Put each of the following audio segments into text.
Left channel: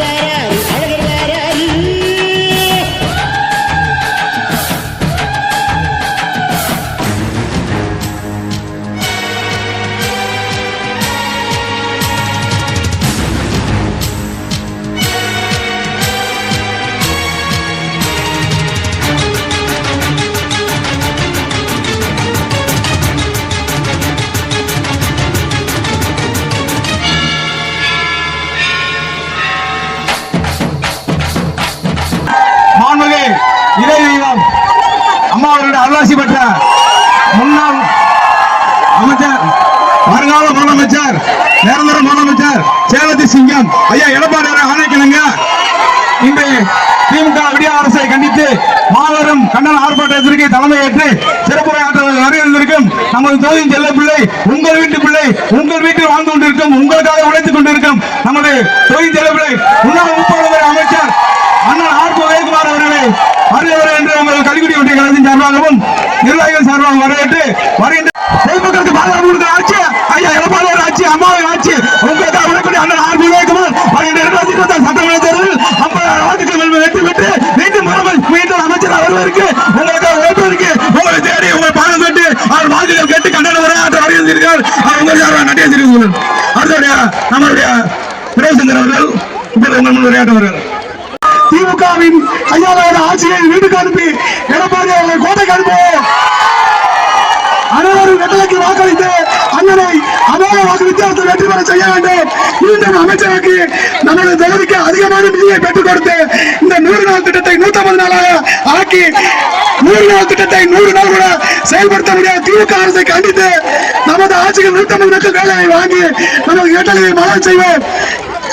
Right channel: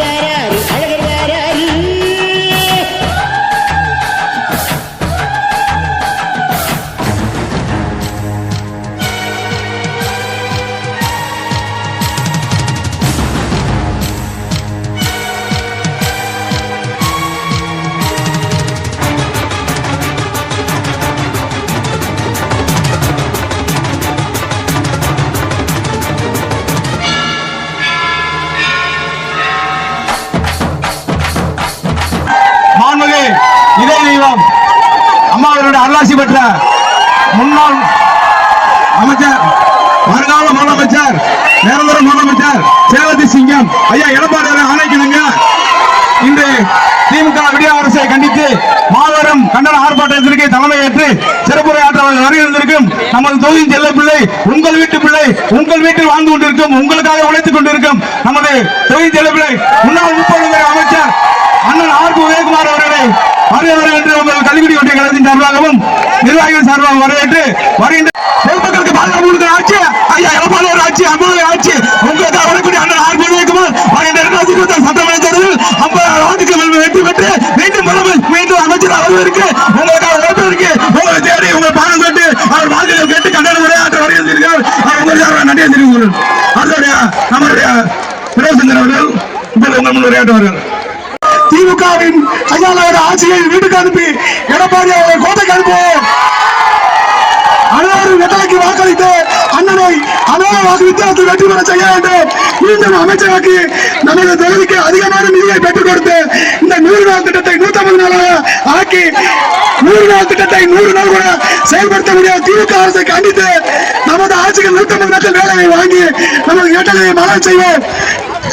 വരാറ് முன்னாள் அமைச்சர் வருங்கால முதலமைச்சர் நிரந்தர முதலமைச்சர் சேலத்தி சிங்கம். ஐயா எடப்பாடி ஆணைக்கிழங்க இன்று திமுக விடிய அரசை கண்டித்து மாபெரும் கண்டன ஆர்ப்பாட்டத்திற்கு தலைமையேற்று சிறப்புரை ஆற்றவர்கள் வருகின்றிருக்கும் நமது தொகுதியின் செல்ல பிள்ளை உங்கள் வீட்டு பிள்ளை உங்கள் வீட்டில் வாழ்ந்து கொண்டிருக்கும் உங்களுக்காக உழைத்துக் கொண்டிருக்கும் நமது தொகுதி செல்ல பிள்ளை முன்னாள் முப்பது அமைச்சர் அண்ணன் ஆர். உதயகுமார் அவர்களை என்று நமது கல்விக்குடி ஒன்றிய கழகத்தின் சார்பாகவும் நிர்வாகிகள் சார்பாகவும் வரவேற்று வருகின்ற பொதுமக்களுக்கு பாதுகாப்பு கொடுக்கிற ஆட்சி ஐயா எடப்பாடி ஆட்சி அம்மாவை ஆட்சி உங்களுக்கு வரக்கூடிய அண்ணன் ஆர் விவேகமும் வருகின்ற இரண்டாயிரத்தி இருபத்தி ஆறு சட்டமன்ற தேர்தலில் ஐம்பதாயிரம் வாக்குகள் வெற்றி பெற்று மீண்டும் முதல்வர் மீண்டும் அமைச்சர் வருவதற்கு உங்களுக்காக ஓட்டு இருக்கு உங்களை தேடி உங்கள் பாடம் கேட்டு அவர் வாக்குகள் கேட்டு கண்டன உரையாற்ற வருகின்றீர்கள் அவர்களுக்கு நன்றியை தெரிவித்துள்ளேன் அதோடைய நம்மளுடைய பிரேசந்தர் அவர்கள் உங்கள் உங்கள் முன் உரையாற்றுவார்கள் திமுகவின் கையாளர் ஆட்சியை வீட்டுக்கு அனுப்பி எடப்பாடி அவர்களை கோட்டைக்கு அனுப்புவோம் அனைவரும் வெட்டலைக்கு வாக்களித்து அண்ணனை அதே வாக்கு வித்தியாசத்தில் வெற்றி பெற செய்ய வேண்டும் மீண்டும் அமைச்சராக்கி நம்முடைய தொகுதிக்கு அதிகமான நிதியை பெற்றுக் கொடுத்து இந்த நூறு நாள் திட்டத்தை நூத்தி ஐம்பது நாளாக ஆக்கி நூறு நாள் திட்டத்தை நூறு நாள் கூட செயல்படுத்த முடியாத திமுக அரசை கண்டித்து நமது ஆட்சிக்கு நூத்தி ஐம்பது மக்கள் வேலையை வாங்கி நமது ஏற்றலை மனம் செய்வோம்.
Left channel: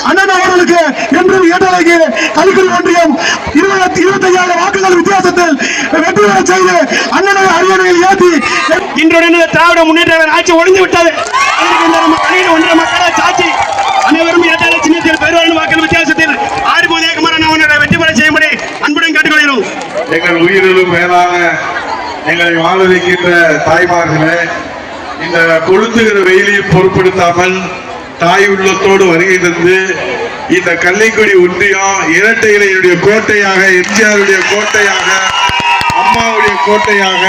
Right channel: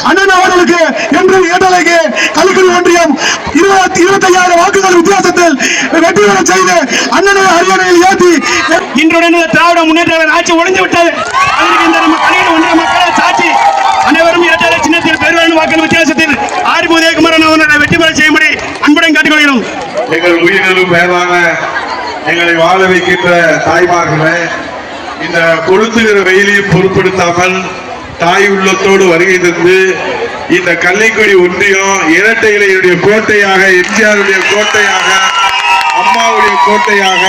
அண்ணன் அவர்களுக்கு என்றும் ஏற்றலைக்கு கலிக்குடி ஒன்றியம் இருபத்தி இருபத்தி ஐயாயிரம் வாக்குகள் வித்தியாசத்தில் வெற்றி பெற செய்து அண்ணனை அரியணையில் ஏற்றி இன்றுடன் திராவிட முன்னேற்ற ஆட்சி ஒழிந்து விட்டது அதற்கு இந்த நம்ம கலைஞர் ஒன்றிய மக்களாட்சி சாட்சி அனைவரும் இரட்டை சின்னத்தில் பெருவாழ்வு வாக்கள் வித்தியாசத்தில் ஆர் உதயகுமாரன் அவர்களை வெற்றி பெற செய்யும்படி அன்புடன் கேட்டுக்கொள்கிறோம். எங்கள் உயிரிலும் மேலான எங்களை வாழ வைக்கின்ற தாய்மார்களே இந்த கொளுத்துகிற வெயிலை பொருட்படுத்தாமல் தாய் உள்ளத்தோடு வருகை தந்து இந்த கள்ளிக்குடி ஒன்றியம் இரட்டை இலையுடைய கோட்டையாக எம்ஜிஆருடைய கோட்டையாக அம்மாவுடைய கோட்டையாக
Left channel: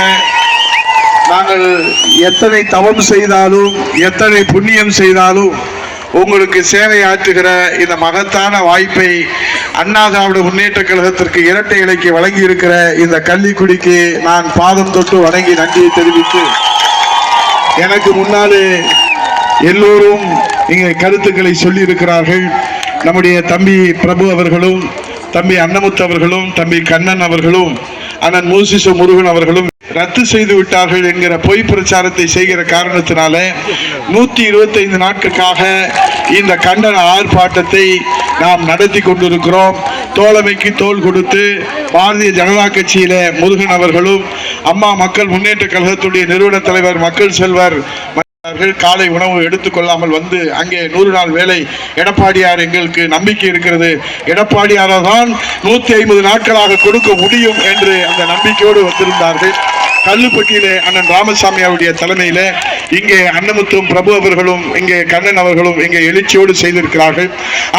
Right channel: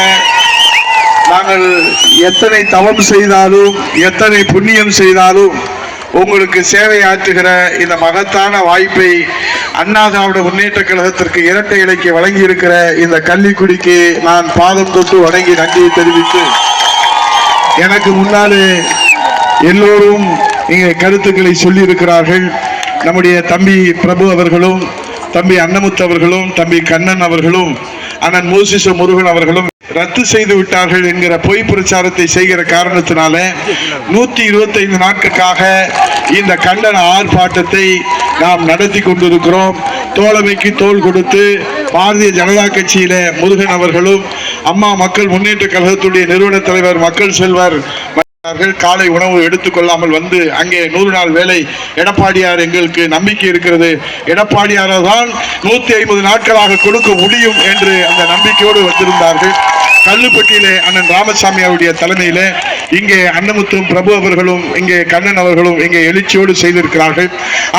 நாங்கள் எத்தனை தவம் செய்தாலும் எத்தனை புண்ணியம் செய்தாலும் உங்களுக்கு சேவை ஆற்றுகிற இந்த மகத்தான வாய்ப்பை அண்ணா திராவிட முன்னேற்ற கழகத்திற்கு இரட்டை இலைக்கு வழங்கி இருக்கிற இந்த கள்ளிக்குடிக்கு நான் பாதம் தொட்டு வணங்கி நன்றியை தெரிவித்து எனக்கு முன்னாலே எல்லோரும் இங்கே கருத்துக்களை சொல்லியிருக்கிறார்கள். நம்முடைய தம்பி பிரபு அவர்களும் தம்பி அன்னமுத்து அவர்களும் தம்பி கண்ணன் அவர்களும் அண்ணன் மூசிச முருகன் அவர்களும் ரத்து செய்து விட்டார்கள் என்கிற பொய் பிரச்சாரத்தை செய்கிற காரணத்தினால நூத்தி இருபத்தைந்து நாட்களுக்காக இந்த கண்டன ஆர்ப்பாட்டத்தை நாம் நடத்தி கொண்டிருக்கிறோம். தோழமைக்கு தோள் கொடுத்து பாரதிய ஜனதா கட்சியில முருகன் அவர்களும் அம்மா மக்கள் முன்னேற்ற கழகத்துடைய நிறுவன தலைவர் மக்கள் செல்வர் அவர்கள் காலை உணவு எடுத்துக்கொள்ளாமல் வந்து அங்கே நூறு நாள் வேலை. எடப்பாடியார் எங்களுக்கு நம்பிக்கை இருக்கிறது. எடப்பாடியாரால் தான் நூத்தி ஐம்பது நாட்களாக கொடுக்க முடியும் என்று அந்த நம்பிக்கையோடு வந்திருந்தார்கள். கல்லுப்பட்டியிலே அண்ணன் ராமசாமி அவருடைய தலைமையில இங்கே அன்னமுத்தும் பிரபு அவர்களும் இங்கே கண்ணன் அவர்களும் இங்கே எழுச்சியோடு செய்திருக்கிறார்கள்.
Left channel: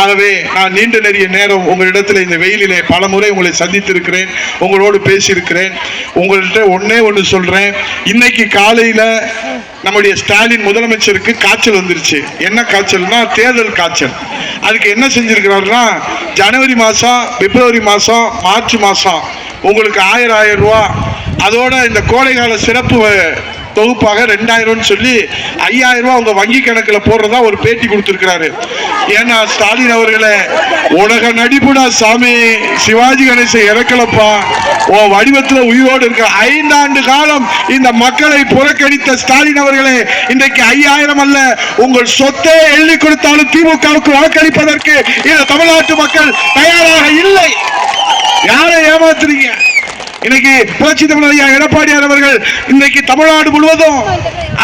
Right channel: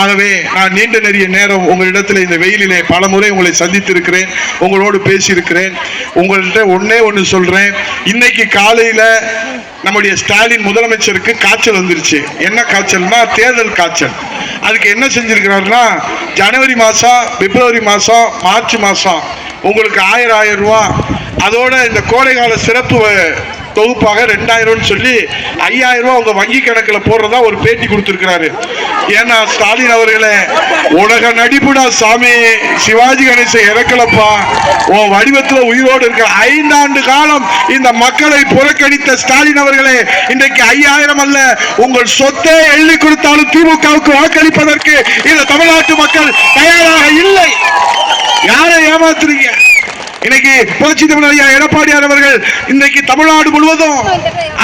ஆகவே நான் நீண்ட நிறைய நேரம் உங்களிடத்தில் இந்த வெயிலிலே பல முறை உங்களை சந்தித்திருக்கிறேன். உங்களோடு பேசியிருக்கிறேன். உங்கள்கிட்ட ஒன்னே ஒன்று சொல்றேன். இன்னைக்கு காலையில நம்முடைய ஸ்டாலின் முதலமைச்சருக்கு காய்ச்சல் வந்துருச்சு. என்ன காய்ச்சல்னா தேர்தல் காய்ச்சல். அதுக்கு என்ன செஞ்சிருக்கிறாருன்னா ஜனவரி மாசம் பிப்ரவரி மாசம் மார்ச் மாசம் உங்களுக்கு ஆயிரம் ஆயிரம் ரூபா. அதோட இந்த கோடைகால சிறப்பு தொகுப்பாக ரெண்டாயிரம்னு சொல்லி ஐயாயிரம் ரூபாய் உங்க வங்கி கணக்குல போடுறதா ஒரு பேட்டி கொடுத்திருக்கிறாரு. ஏன்னா ஸ்டாலின் அவர்களே உலக நடிப்புடா சாமி சிவாஜி கணேசன் இறக்கலப்பா. உன் வடிவத்துல உயிரோடு இருக்க ஐந்தாண்டு காலம் இந்த மக்களை புறக்கணித்த ஸ்டாலின் அவர்களே இன்றைக்கு ஐயாயிரம் அல்ல உங்கள் சொத்தை எழுதி கொடுத்தாலும் திமுகவுக்கு வாக்களிப்பதற்கு இந்த தமிழ்நாட்டு மக்கள் தயாராக இல்லை. யாரை ஏமாத்துறீங்க? இன்னைக்கு புரட்சி தமிழ் ஐயா எடப்பாடியார் அவர்கள் இன்னைக்கு தமிழ்நாடு முழுவதும்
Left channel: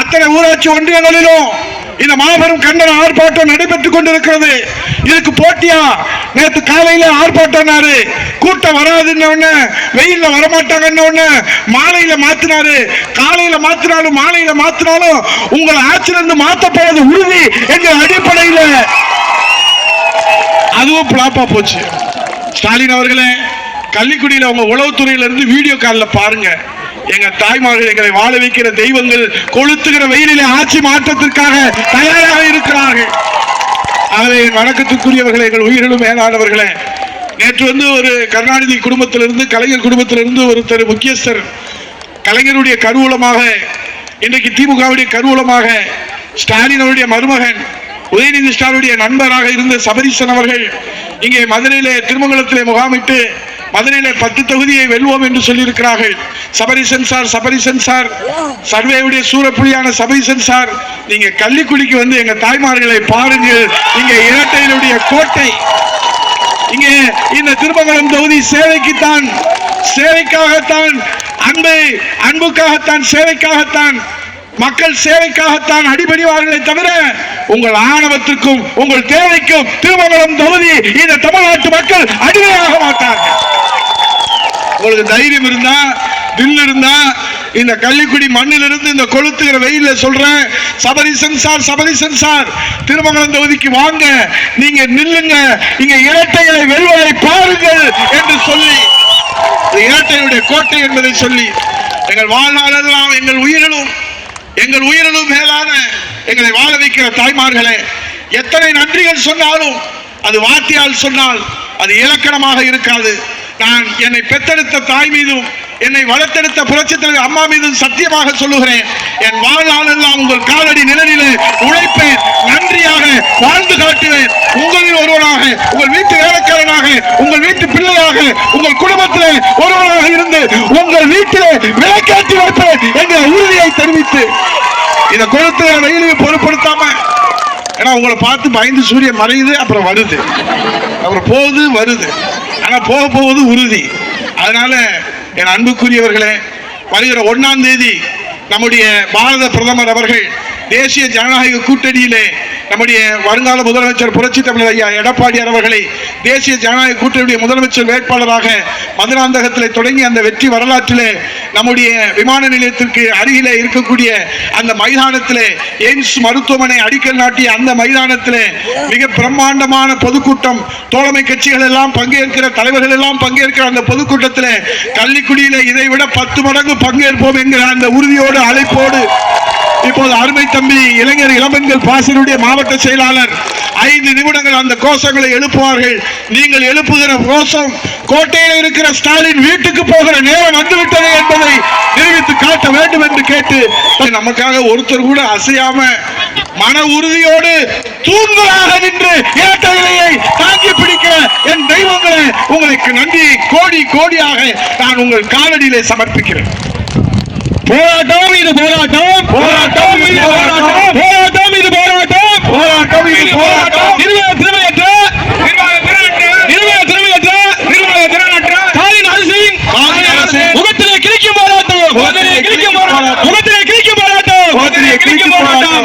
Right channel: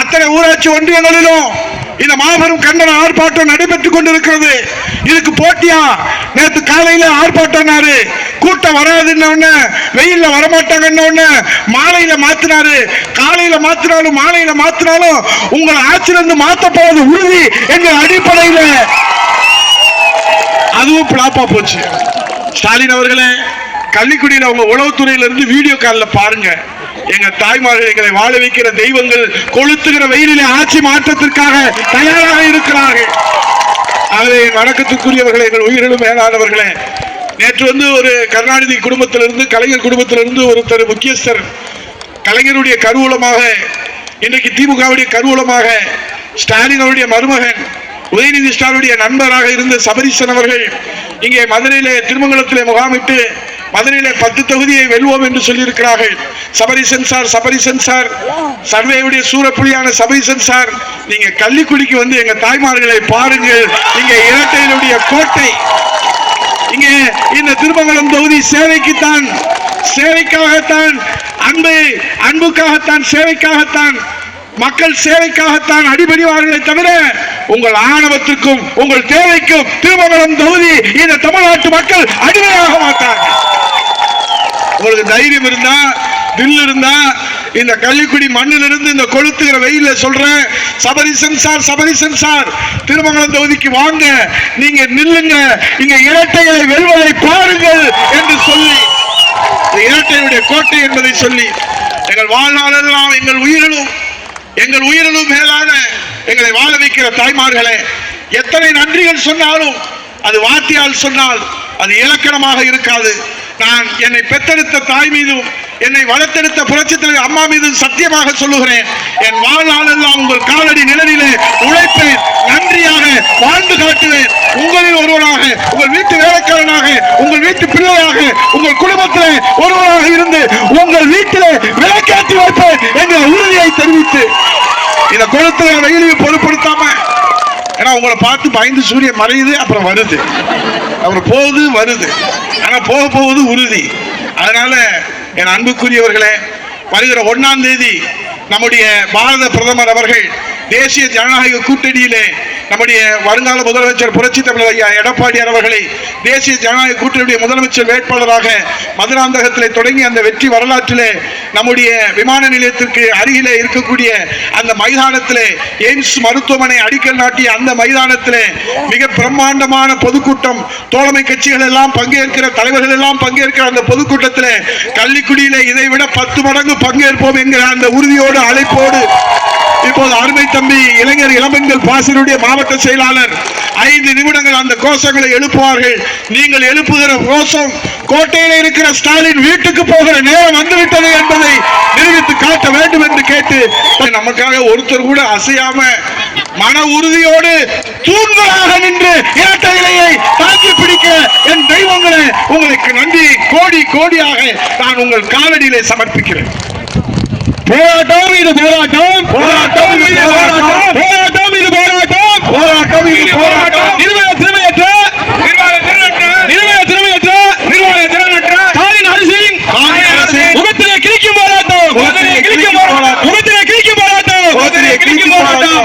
அத்தனை ஊராட்சி ஒன்றியங்களிலும் இந்த மாபெரும் கண்டன ஆர்ப்பாட்டம் நடைபெற்றுக் கொண்டிருக்கிறது. இதுக்கு போட்டியா? நேற்று காலையில ஆர்ப்பாட்டம்னாரு கூட்டம் வராதுன்னு உடனே வெயில்ல வரமாட்டாங்கன்னு மாலையில மாத்தினாரு. காலையில மாத்தினாலும் மாலையில மாத்தினாலும் உங்களை ஆட்சியிலிருந்து மாத்தப்போவது உறுதி என்ற அடிப்படையில அதுவும் பிளாப்பா போச்சு. ஸ்டாலின் அவர்களே கள்ளிக்குடியில் அவங்க உளவுத்துறையிலிருந்து வீடியோ காலில் பாருங்க. எங்க தாய்மார்கள் எங்களை வாழ வைக்கிற தெய்வங்கள் கொளுத்துகிற வெயிலிலே ஆட்சி மாற்றத்திற்காக தயாராக இருக்கிறார்கள். ஆகவே வணக்கத்துக்குரியவர்களே எங்கள் உயிரிலும் மேலானவர்களே நேற்று வந்து ஒரு கருணாநிதி குடும்பத்திலிருந்து கலைஞர் குடும்பத்திலிருந்து ஒருத்தர் முக்கியஸ்தர் கலைஞருடைய கருவூலமாக இன்றைக்கு திமுகவுடைய கருவூலமாக ஸ்டாலினுடைய மருமகன் உதயநிதி ஸ்டாலினுடைய நண்பராக இருந்த சபரீசன் அவர்கள் இங்கே மதுரையில திருமங்கலத்திலே முகாமிட்டு மதுரையில பத்து தொகுதியை வெல்வோம் என்று சொல்லியிருக்கிறார்கள். சபரிசன் சார் சபரிசன் சார் சர்வேவுடைய சூரப்புலியான சபரிசன் சார் நீங்க கள்ளிக்குடிக்கு வந்து எங்க தாய்மார்களை பாருங்கள். இங்க இரட்டையினுடைய கோட்டை. இங்கே இந்த திருமங்கலம் தொகுதி சேவைக்குத்தான் சேவைக்காகத்தான் அன்பை அன்புக்காகத்தான் சேவைக்காகத்தான் மக்கள் சேவைக்காகத்தான் அடிபடிவார்களே தவிர உங்கள் ஆணவத்திற்கும் உங்கள் தேவைக்கும் திருமங்கலம் தொகுதி இந்த தமிழ்நாட்டு மக்கள் அடிமையாக மாட்டார்கள். உங்களுக்கு தைரியம் இருந்தா தில் இருந்தா இந்த கள்ளிக்குடி மண்ணில் இருந்து இந்த கொளுத்துகிற வெயில சொல்றேன் சபரி சென்சார் சபரி சென்சார் திருமங்கலம் தொகுதிக்கு வாங்க நீங்க நில்லுங்க இங்க இரட்டைகளை வெல்வதை பாருங்கள் என்று சொல்லி இரட்டையுடைய கோட்டை என்பதை சொல்லி எங்கள் வாழ்நாளெல்லாம் எங்கள் உயிரிலும் எங்கள் உயிரிலும் மேலான எங்களை வாழ வைக்கிற தாய்மார்களே எத்தனை நன்றிகள் சொன்னாலும் அது வார்த்தையால் சொன்னால் அது இலக்கணமாக இருக்காது. நான் என்னை பெத்தெடுத்த தாய் மீதும் என்னை வளர்த்தெடுத்த புரட்சித் அம்மா மீதும் சத்தியமாக சொல்லுகிறேன். என் வாழ்நாளெல்லாம் உங்கள் காலடி நிழலிலே உழைப்பேன். நன்றியாக வாழ்ந்து காட்டுவேன். உங்களில் ஒருவராக உங்கள் வீட்டு வேலைக்காரனாக உங்கள் வீட்டு பிள்ளையாக உங்கள் குடும்பத்தில் ஒருவராக இருந்து உங்கள் வீட்டிலே விளக்கேற்றி வைப்பேன் என்ற உறுதியை தெரிவித்து. இந்த குளத்துல ரயிலுக்கு பொருட்படுத்தாம ஏன்னா உங்களை பார்த்து பயந்து சூரியன் மறையுது அப்புறம் வருது. அப்புறம் போகுது வருது. ஆனால் போக போவது உறுதி. அதனால என் அன்புக்குரியவர்களே வருகிற ஒன்னாம் தேதி நம்முடைய பாரத பிரதமர் அவர்கள் தேசிய ஜனநாயக கூட்டணியிலே நம்முடைய வருங்கால முதலமைச்சர் புரட்சி தமிழர் ஐயா எடப்பாடியார் அவர்களை தேசிய ஜனநாயக கூட்டணியுடைய முதலமைச்சர் வேட்பாளராக மதுராந்தகத்திலே தொடங்கி அந்த வெற்றி வரலாற்றிலே நம்முடைய விமான நிலையத்திற்கு அருகிலே இருக்கக்கூடிய அந்த மைதானத்திலே எய்ம்ஸ் மருத்துவமனை அடிக்கல் நாட்டிய அந்த மைதானத்திலே மிக பிரம்மாண்டமான பொதுக்கூட்டம் தோழமை கட்சிகள் எல்லாம் பங்கேற்கிற தலைவர்கள் எல்லாம் பங்கேற்கிற அந்த பொதுக்கூட்டத்திலே கள்ளிக்குடியிலே இதை விட பத்து மடங்கு பங்கேற்போம் என்கிற அந்த உறுதியோடு அழைப்போடு இப்போது அருமை தம்பி இளைஞர் இளம்பெண்கள் பாசனுடைய மாவட்ட செயலாளர் ஐந்து நிமிடங்கள் அந்த கோஷங்களை எழுப்புவார்கள். நீங்கள் எழுப்புகிற கோஷம் கோட்டையில் இருக்கிற ஸ்டாலின் வீட்டுக்கு போகிற நேரம் வந்துவிட்டது என்பதை நிரூபித்து காட்ட வேண்டும் என்று கேட்டு நமக்காக ஒருத்தர் கூட அசையாம மன உறுதியோடு தூண்களாக நின்று இரட்டை இலையை தாக்கி பிடிக்க என் தெய்வங்களே உங்களுக்கு நன்றி. கோடி கோடியாக நான் உங்கள் காலடியிலே சமர்ப்பிக்கிறேன். போராட்டம் இது போராட்டம். போராட்டம் இது போராட்டம். போராட்டம் இது போராட்டம். போராட்டம் இது போராட்டம். நிர்வாக திறமையற்ற. நிர்வாக திறமையற்ற. நிர்வாக திறனற்ற ஸ்டாலின் அரசின் முகத்திலே கிழிக்கும் போராட்டம். முகத்திலே கிழிக்கும் போராட்டம். முகத்திலே கிழிக்கும் போராட்டம். முகத்திலே கிழிக்கும் போராட்டம்.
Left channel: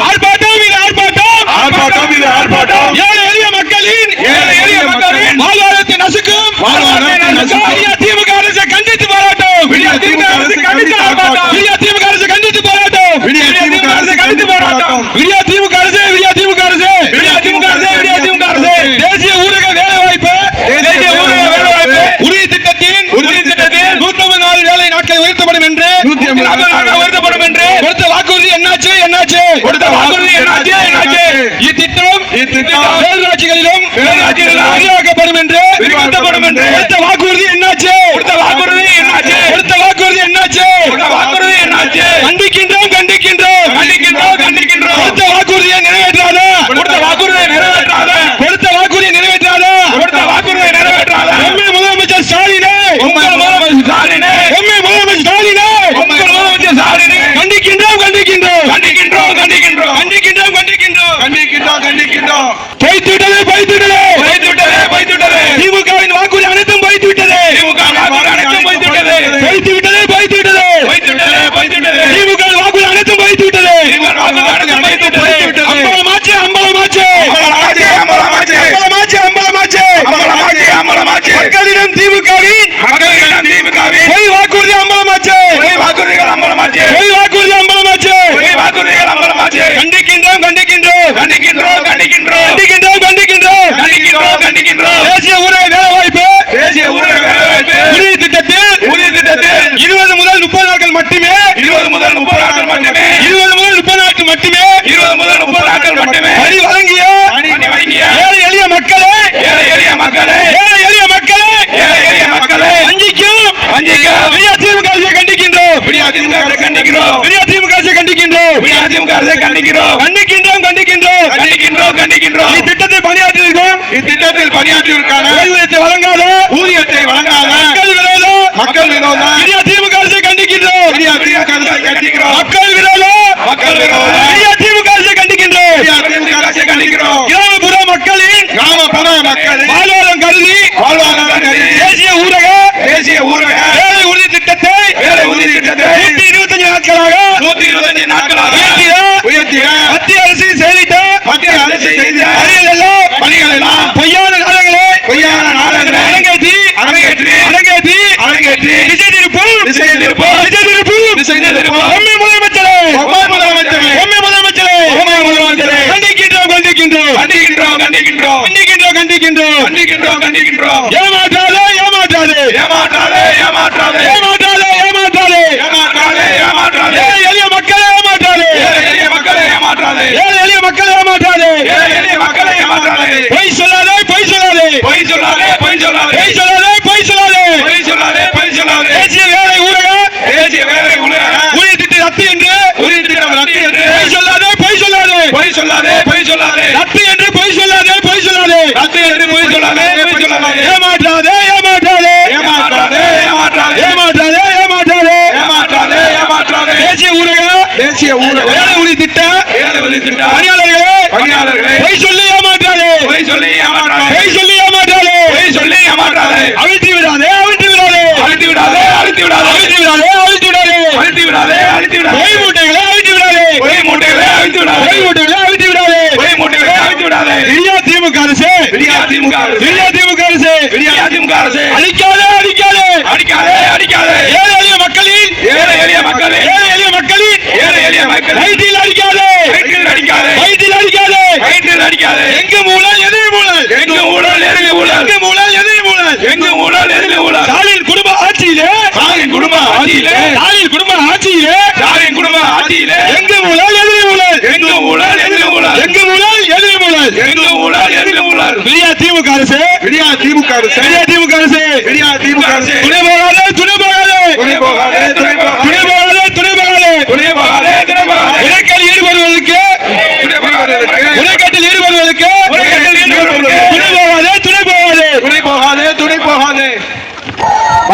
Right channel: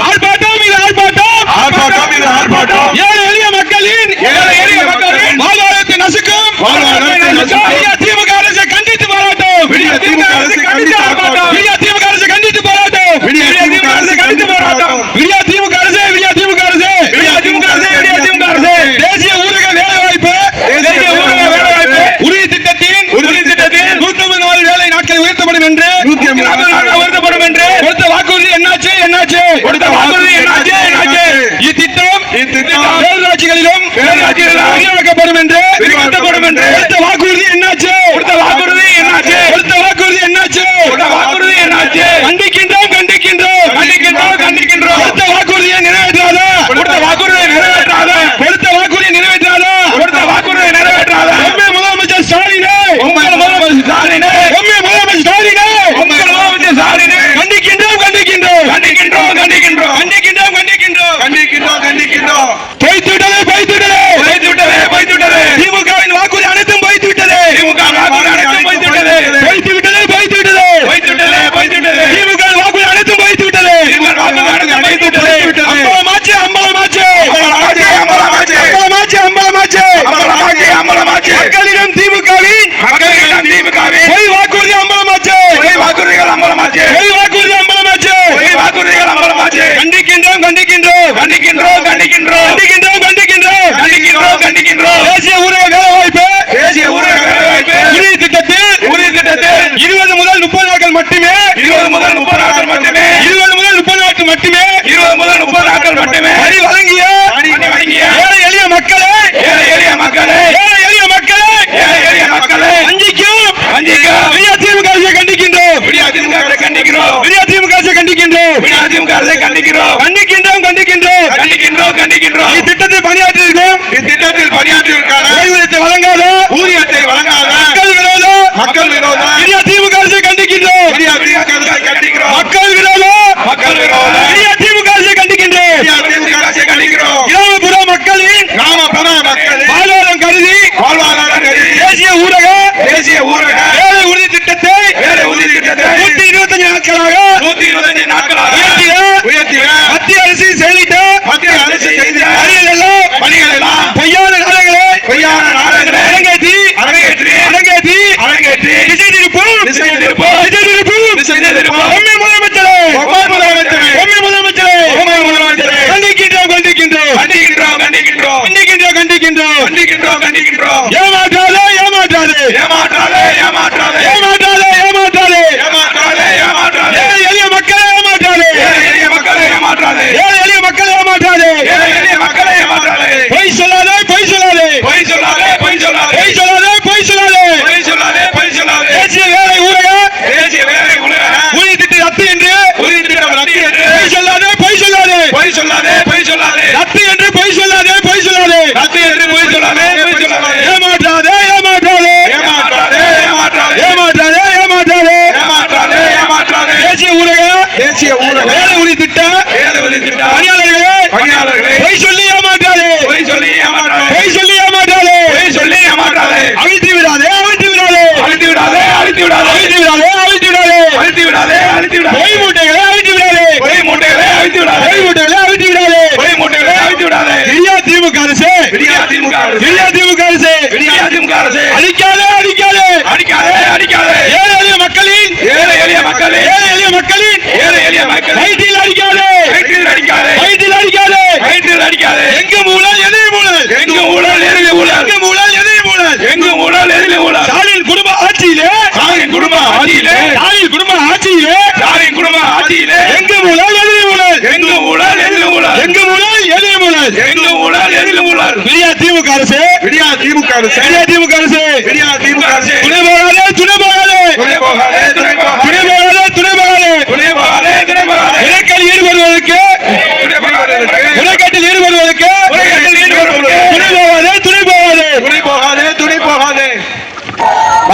தேசிய ஊரக வேலை வாய்ப்பு தேசிய ஊரக வேலை வாய்ப்பு உறுதி திட்டத்தில் உறுதி திட்டத்தில் இருபது முதல் முப்பது நாட்கள் மட்டுமே இருபது முதல் முப்பது நாட்கள் மட்டுமே இருபது முதல் முப்பது நாட்கள் மட்டுமே இருபது முதல் முப்பது நாட்கள் மட்டுமே வரி வழங்கிய ஏழை எளிய மக்களே ஏழை எளிய மக்களே ஏழை எளிய மக்களே ஏழை எளிய மக்களே வஞ்சிக்கும். வஞ்சிக்கும். விடியா திமுக அரசை கண்டிக்கின்றோம். விடியா திமுக அரசை கண்டிக்கிறோம். விடியா திமுக அரசை கண்டிக்கின்றோம். விடியா திமுக அரசை கண்டிக்கிறோம். கண்டிக்கின்றோம் கண்டிக்கின்றோம். கண்டிக்கின்றோம் கண்டிக்கின்றோம். இத்திட்டத்தில் பணியாற்றியிருக்கோம் இத்திட்டத்தில் பணியாற்றியிருக்கான ஓய்வூதியத்தை வழங்காத? ஊதியத்தை வழங்காத? மக்கள் விரோத மக்கள் விரோத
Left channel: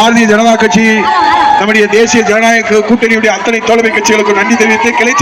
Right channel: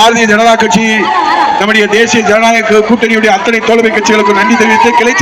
பாரதிய ஜனதா கட்சி நம்முடைய தேசிய ஜனநாயக கூட்டணியுடைய அத்தனை தோழமை கட்சிகளுக்கு நன்றி தெரிவித்து கிளை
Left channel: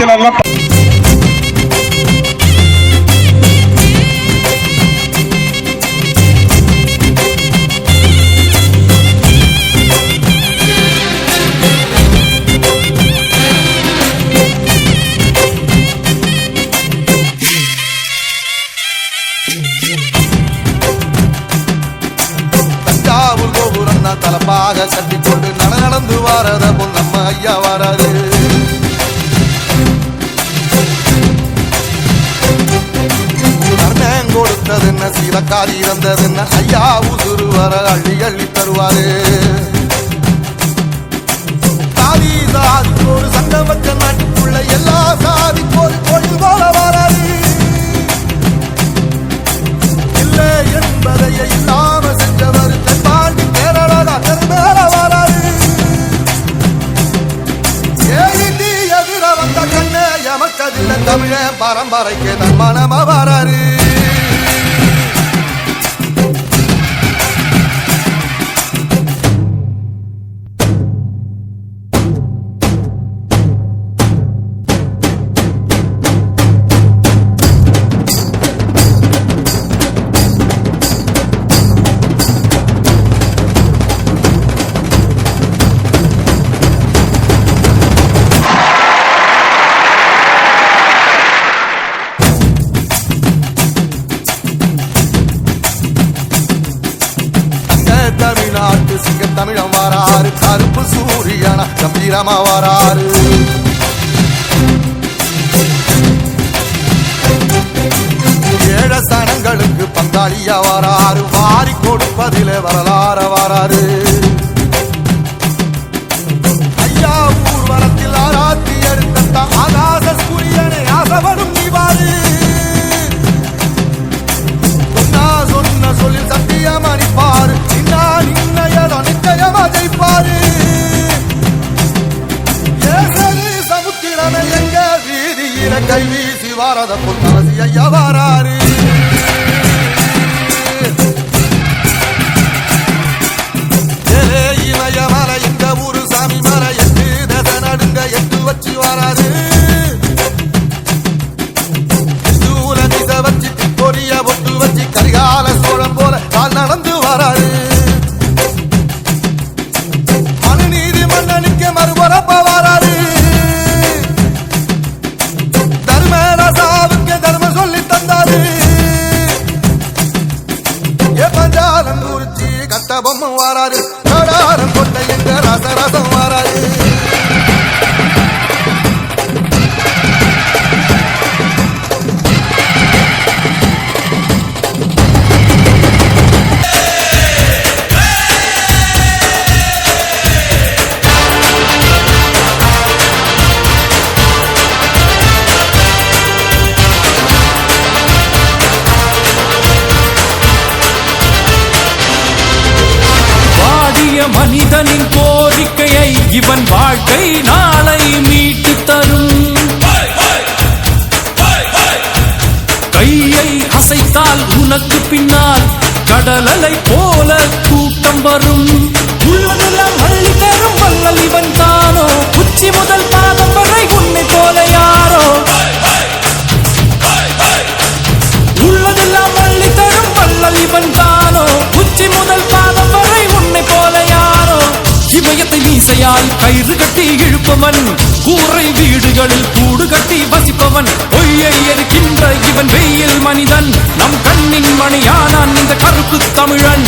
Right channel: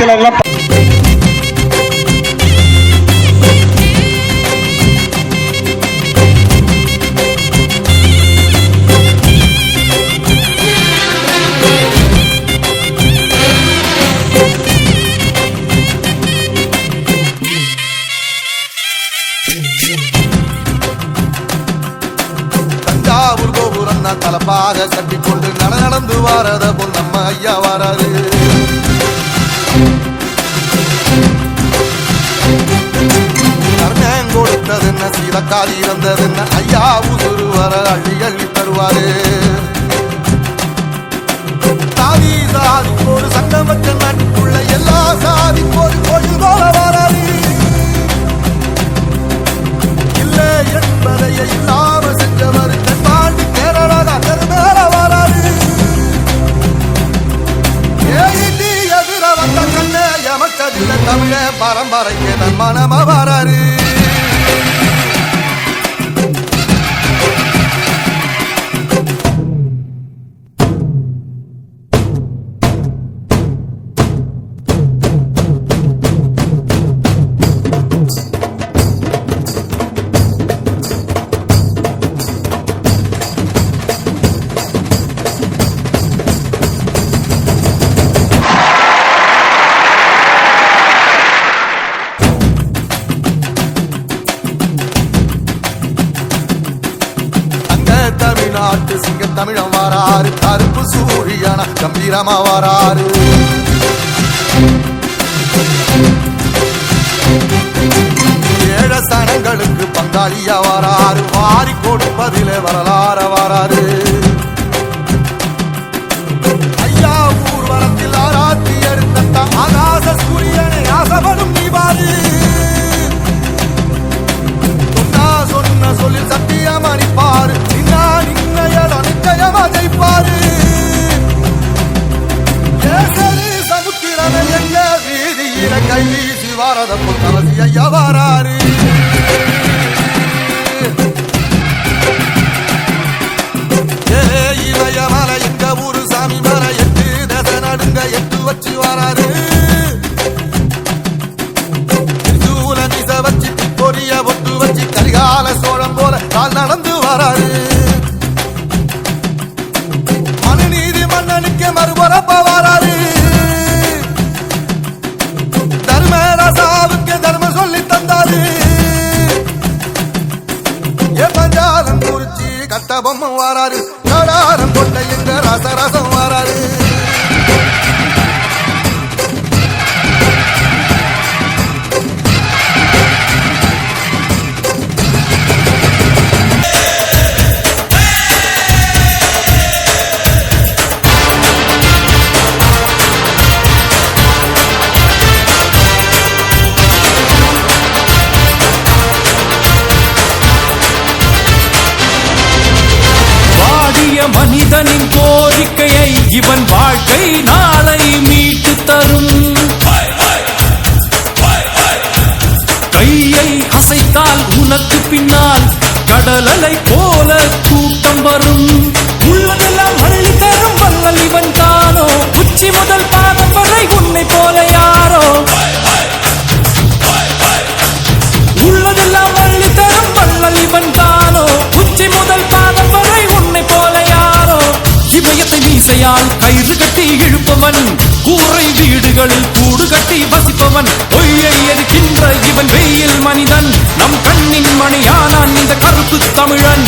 இலக்கால் இறந்ததுன்னு? ஐயா உசுறு வர அள்ளி அள்ளி தருவாரு. சாதி சாதி ஒரு சங்கமக்க நாட்டுக்குள்ள எல்லா சாதி ஒரு கோயில் போல வராது இல்லை என்பதையே இல்லாம செஞ்சவர் தென்பாண்டி கேரளா கரு மேல வராது எதிர வந்த கண்ணு எமக்கதில்லை தமிழ பரம்பரைக்கு தன் மனம வராரு. அழிய வராறு வாரி கொடுப்பதிலே வரலாற வராறு ஐயா ஊர்வலத்தில் ஆராத்தி எடுத்த ஆகாச சூரியனை ஆசவனும் நீவாறு சொன்னா சொன்ன சொல்லில் சத்தியம் அணிப்பாரு நின்னா நின்னையல் அனிச்சயமா ஜெயிப்பாரு சமுத்திரமே எங்க வீதியில கை வீசி வாரத புத்தவசி ஐயா இவன் வாழ்க்கை நாளை மீட்டு தரும். கையை அசைத்தால் உனக்கு பின்னால் கடலலை போல கூட்டம் வரும். கையால் கயிறு கட்டி இழுப்பவன் கூரை வீடுகளில் கூடு கட்டி வசிப்பவன். பொய்யை எரிக்கின்ற இவன் வெயில் மனிதன் நம் கண்ணின் மணியானான் இந்த கருப்பு தமிழன்.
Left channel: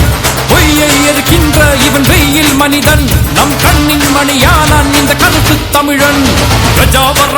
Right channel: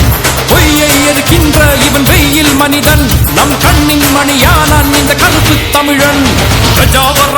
பொய்யை எரிக்கின்ற இவன் வெயில் மனிதன் நம் கண்ணின் மணியானான் இந்த கருப்பு தமிழன். பிரஜாவர